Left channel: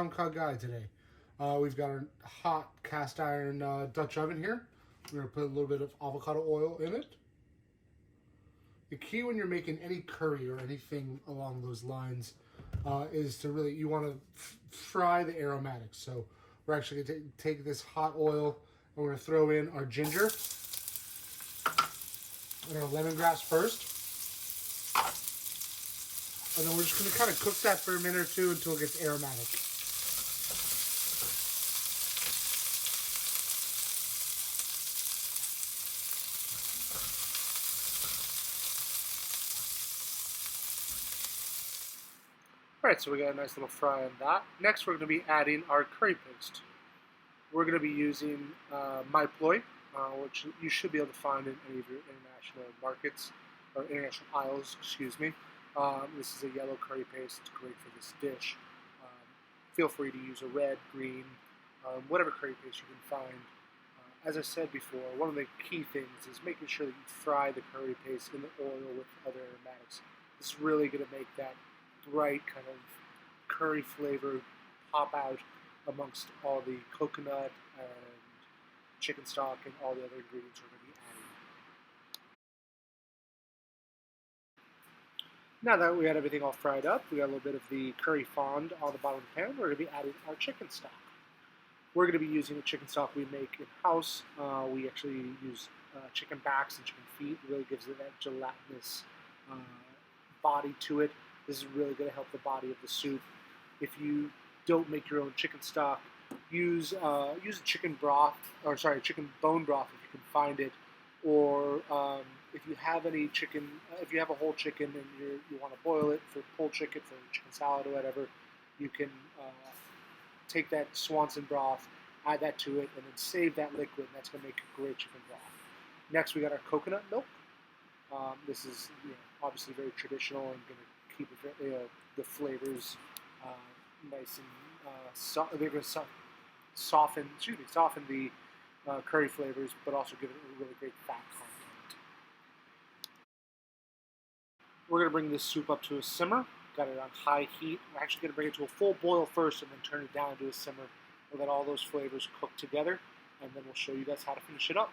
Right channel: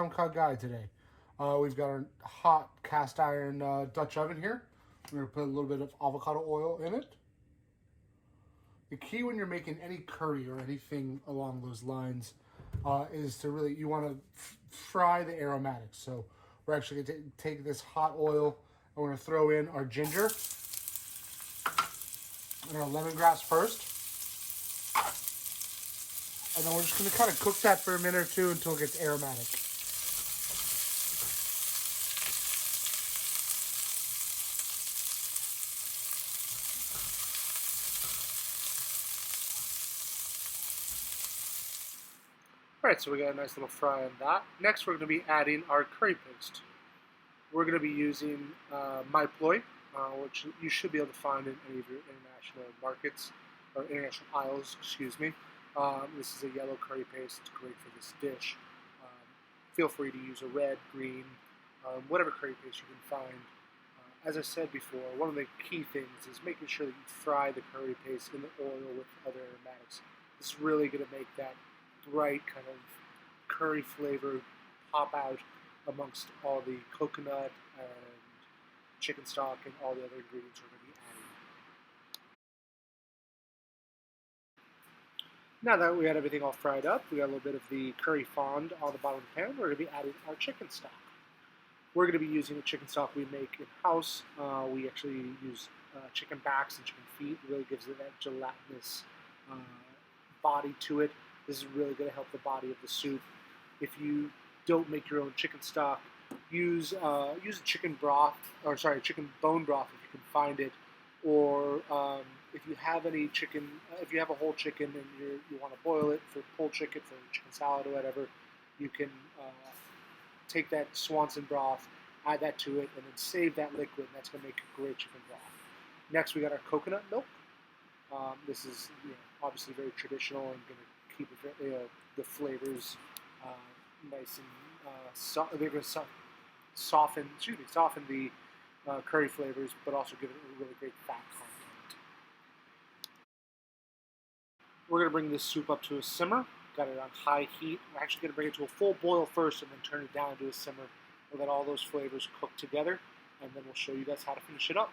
Tom Kha Gai today. We've got our hot cast iron Dutch oven here. We're going to put a little bit of avocado oil in it. The key when you're making any curry or anything along those lines is to really, you want to fry the aromatics. So we're actually going to take this hot oil and we're going to throw in our ginger and our lemongrass first. And then we're just going to kind of cook that for a minute or two until it gets aromatic. Alright, so we got a nice little fry on that. Next we're going to be adding our curry paste. We're going to be using my ploy, which you should be able to find in any of your international markets, or international aisles, excuse me. This is a yellow curry paste. It's great for this dish. Feel free to use a red, green, whatever curry paste you can find. As I said before, one of the key things is making sure that you fry the curry paste in the oil with other aromatics. This is really going to make that bright kind of curry flavor pop out amongst all the coconut and chicken stock and all the other ingredients we're going to be adding. Now that we got everything all fried up, we got a little bit of the curry fond on the bottom of the pan, we're going to be adding our chicken stock. We're going to be using the chicken stock we make in-house. We actually use chicken backs and chicken feet. It really gives it that gelatinous body to it. This is really going to help the body of the soup. If you don't make your own chicken stock, use a chicken broth, or sorry, chicken bone broth if you can find it, or if you have any chicken, if you have a whole chicken and you want to boil it for pulled chicken, for chicken salad or whatever, you can take that Swanson broth, add that to it, and then save that liquid, and that's going to make a great chicken broth. Next, we got our coconut milk. This is obviously very traditional and going to keep the flavors nice and they're going to soften the curry flavors, but also give it a really great fat content. We're going to bring this soup up to a simmer. Got it on high heat. We're actually going to bring it to a full boil first and then turn it down to a simmer. We'll let all those flavors cook together, and then we'll show you guys how to finish it up.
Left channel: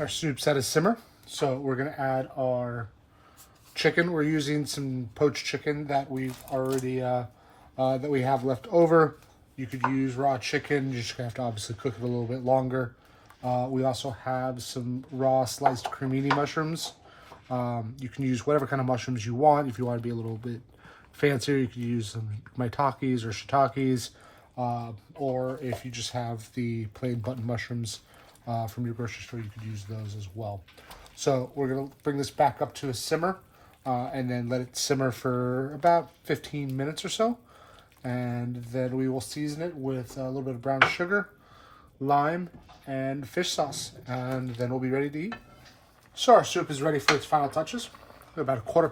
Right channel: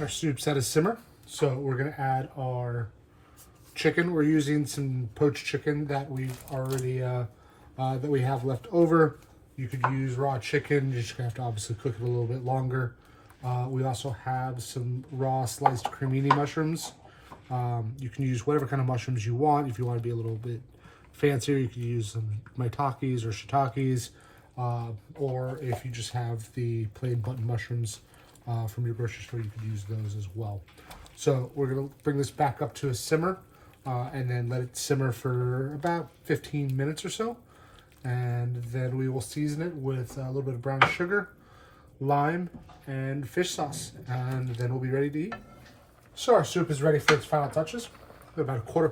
Our soup's at a simmer, so we're going to add our chicken. We're using some poached chicken that we've already that we have left over. You could use raw chicken. You just have to obviously cook it a little bit longer. We also have some raw sliced cremini mushrooms. You can use whatever kind of mushrooms you want. If you want to be a little bit fancier, you could use some maitakes or shiitakes, or if you just have the plain button mushrooms from your grocery store, you could use those as well. So we're going to bring this back up to a simmer and then let it simmer for about 15 minutes or so. And then we will season it with a little bit of brown sugar, lime, and fish sauce. And then we'll be ready to eat. So our soup is ready for its final touches. About a quarter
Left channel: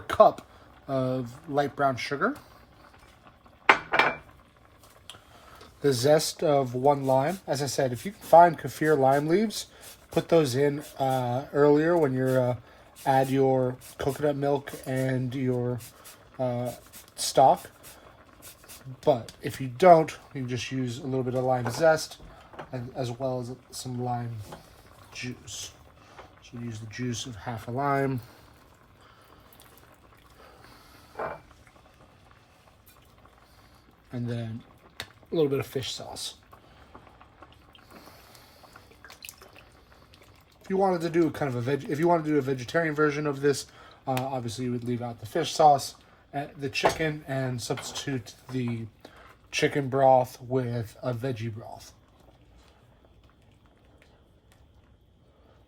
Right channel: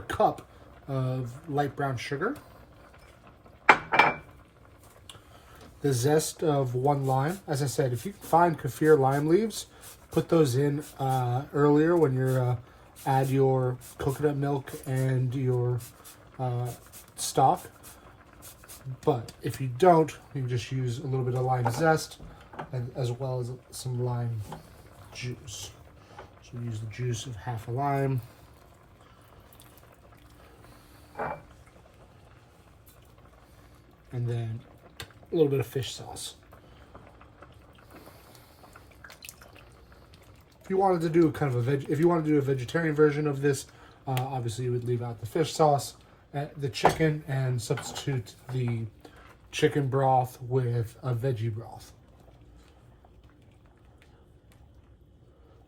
cup of light brown sugar. The zest of 1 lime. As I said, if you can find kaffir lime leaves, put those in earlier when you add your coconut milk and your stock. But if you don't, you just use a little bit of lime zest and as well as some lime juice. So use the juice of half a lime. And then a little bit of fish sauce. If you wanted to do kind of if you wanted to do a vegetarian version of this, obviously you would leave out the fish sauce, the chicken, and substitute the chicken broth with a veggie broth.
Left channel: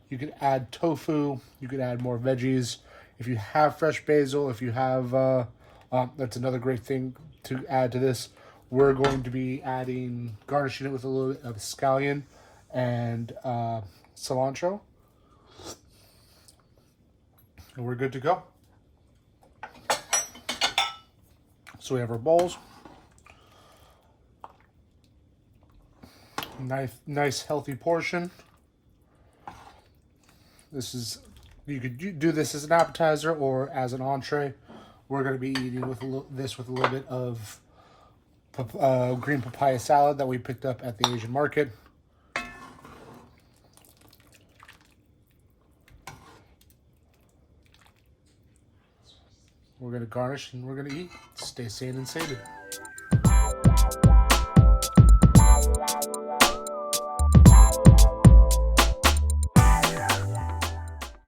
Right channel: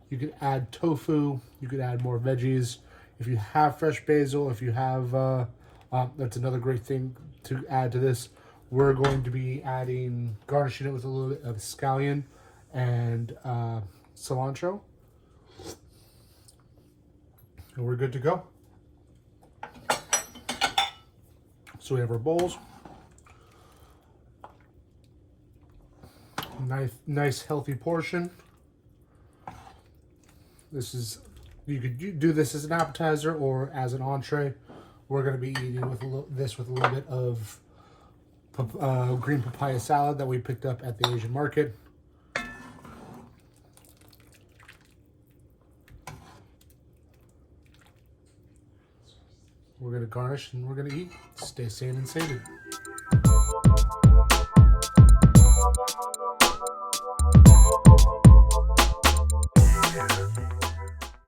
You could add tofu. You could add more veggies. If you have fresh basil, if you have, that's another great thing to add to this. We're going to be garnishing it with a little bit of scallion and cilantro. And we're good to go. So we have our bowls. Nice healthy portion. This is, you could do this as an appetizer or as an entree. We're going to be eating with this with a little bit of green papaya salad that we picked up at the Asian market. We're going to garnish and we're going to eat. Stay sane and sated.